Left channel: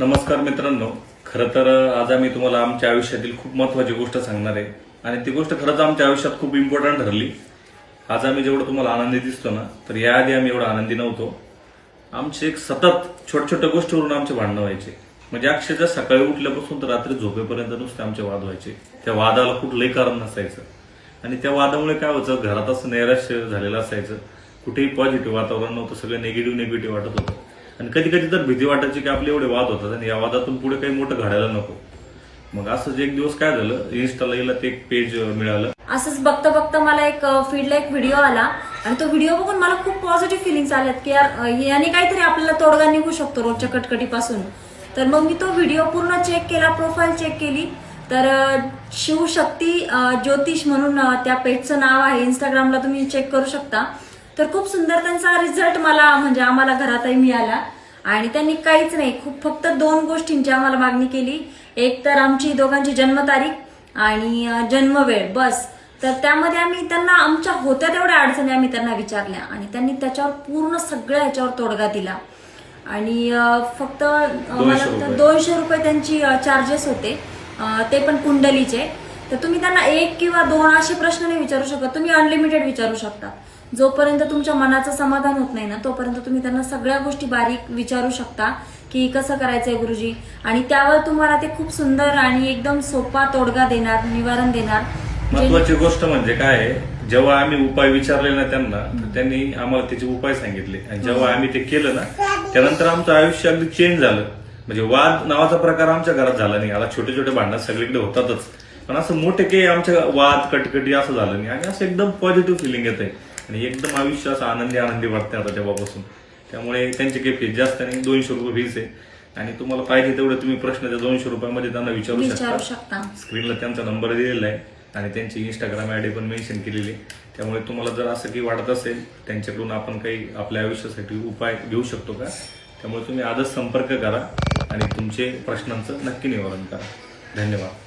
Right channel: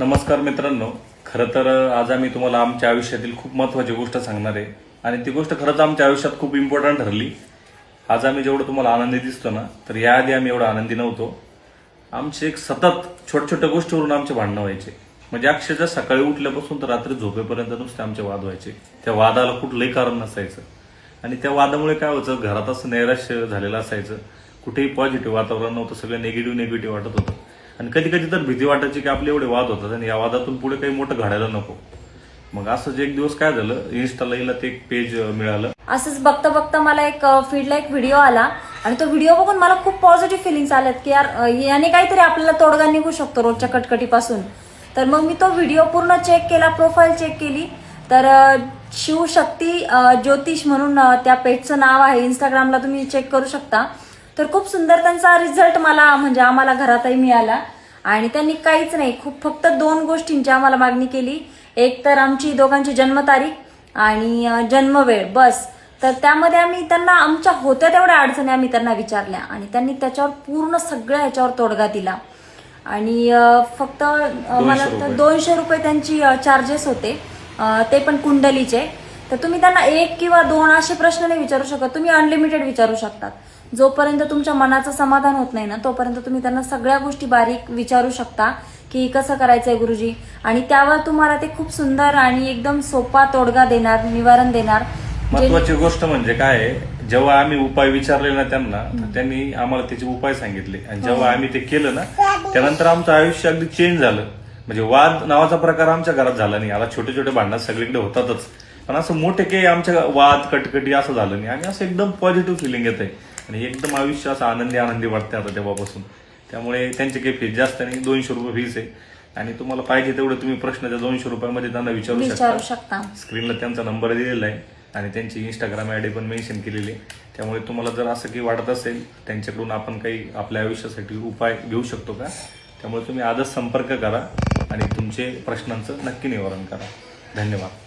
नमस्कार मित्रांनो, खरं तर आज आम्ही तुम्हाला आमच्या आयुष्यातील खूप महत्वाची गोष्ट सांगणार आहे आणि ती गोष्ट खरंच आमच्या आयुष्यात खूप इम्पॉर्टंट ठरली. आज आम्ही जेवढं तुम्हाला आनंदी दिसतो ना, तर याआधी आम्ही एवढा आनंदी नव्हतो. आमचे एक सतत छोट्या छोट्या गोष्टीवरून आमचे भांडणं व्हायचे. म्हणजे अक्षरशः सकाळी उठल्यापासून तर रात्री झोपेपर्यंत नुसते आमचे वाद व्हायचे. त्या वादाला कुठलंही कारण नसायचं आणि त्या वादामुळे काय व्हायचं, घरात असं नैराश्य झालेलं असायचं. कुठेही पॉझिटिव्ह वातावरण नव्हतं, सगळं निगेटिव्ह वाटत होतं. आणि कधी कधी तर भीती वाटायची की आपले एवढे वाद होतात आणि या वादातून पुढे काही मोठं घडायला नको. मग असंच एक दिवस काय झालं, इन्स्टाला हिला ते एक पेज मिळालं. असंच बघता बघता मला एक फीडला एक व्हिडिओ आला आणि तो व्हिडिओ बघून मला खूप पॉझिटिव्ह फिलिंग्स आल्यात की यार याने काहीतरी आपल्याला तोडगा निघू शकतो रोजच्या कटकटीपासून. तर मग मी तो व्हिडिओ पूर्ण चेक केला, प्रोफाईल चेक केली. तर शिवशक्ती ज्योतिष म्हणून त्या पेजचं नाव आहे. इंस्टाग्रामला तुम्ही चेक करू शकता. तर खूप सुंदर त्यांचा रिझल्ट मला म्हणजे आम्हाला घरातही मिळाला. आणि त्यांनी काहीच नाही, खूप फक्त 2 गोष्टींची आम्हाला मागणी केली. एक तर आमची दोघांची जन्मतारीख आणि जन्मवेळ, बस. तर त्यामध्ये आम्ही त्यांना आमच्या होत्या तेवढ्या अडचणी आम्ही त्यांना विचारल्या आणि त्यांनी त्याच्यावर पूर्ण सगळ्या ह्याच्यावर तोडगा दिला. आणि फक्त मला 200 रुपये त्यांची चार्जेस होते, ते पण कुंडलीचे. तर तुम्ही त्यांना 1 किंवा 2 असे प्रश्न नाही विचारू शकत, तुम्ही अनलिमिटेड विचारू शकता. जोपर्यंत तुमच्या मनाचं समाधान होत नाही ना, तोपर्यंत तुम्ही त्यांना सगळ्या गोष्टी बारीक विचारू शकता की कसं करायचंय गुरुजी. आणि त्यावर तुम्हाला ते खूप सुंदर आणि एकदम सोपा तोडगा देणार, निवारण देणार. महत्वाची गोष्ट म्हणजे काय आहे, जेव्हा आम्ही उपाय विचारले ना त्यांना, तर त्यांनी आम्हाला त्याचे उपाय सांगितले आणि जेव्हा आम्ही ते केलं ना, त्यानंतर आमचं आयुष्य अगदी चेंज झालं. म्हणजे वाद नावाचा प्रकार आमच्या घरात झाला नाही. आता छोटे छोटे भांडण सगळीकडे होतातच, पण असं मोठे काही आमच्या वाद कटकटी असं झालं नाही आणि असं एकदम पॉझिटिव्ह फिलिंग येत आहे आणि एकदम आयुष्य असं आनंदी वाटतंय आता तेव्हापासून. त्यामुळे त्यांचे काही फीस जास्त नाही, 200 रुपये फीस आहे. आणि तुम्हाला पाहिजे तेवढे तुम्ही प्रश्न त्या 200 रुपयामध्ये त्यांना विचारू शकता. स्क्रीनला त्यांचा नंबर दिलेला आहे आणि त्यांची इंस्टाग्राम आयडी पण मेन्शन केलेली आहे. त्यामुळे तुम्हाला जर असं काही वाटत असेल त्यांच्याकडून आपण काही आपल्या आयुष्यासाठी उपाय घेऊ शकतो का, त्यामुळे तुम्ही आजच संपर्क करा आणि तुमचे प्रश्नांचं नक्की निवारण करा. धन्यवाद.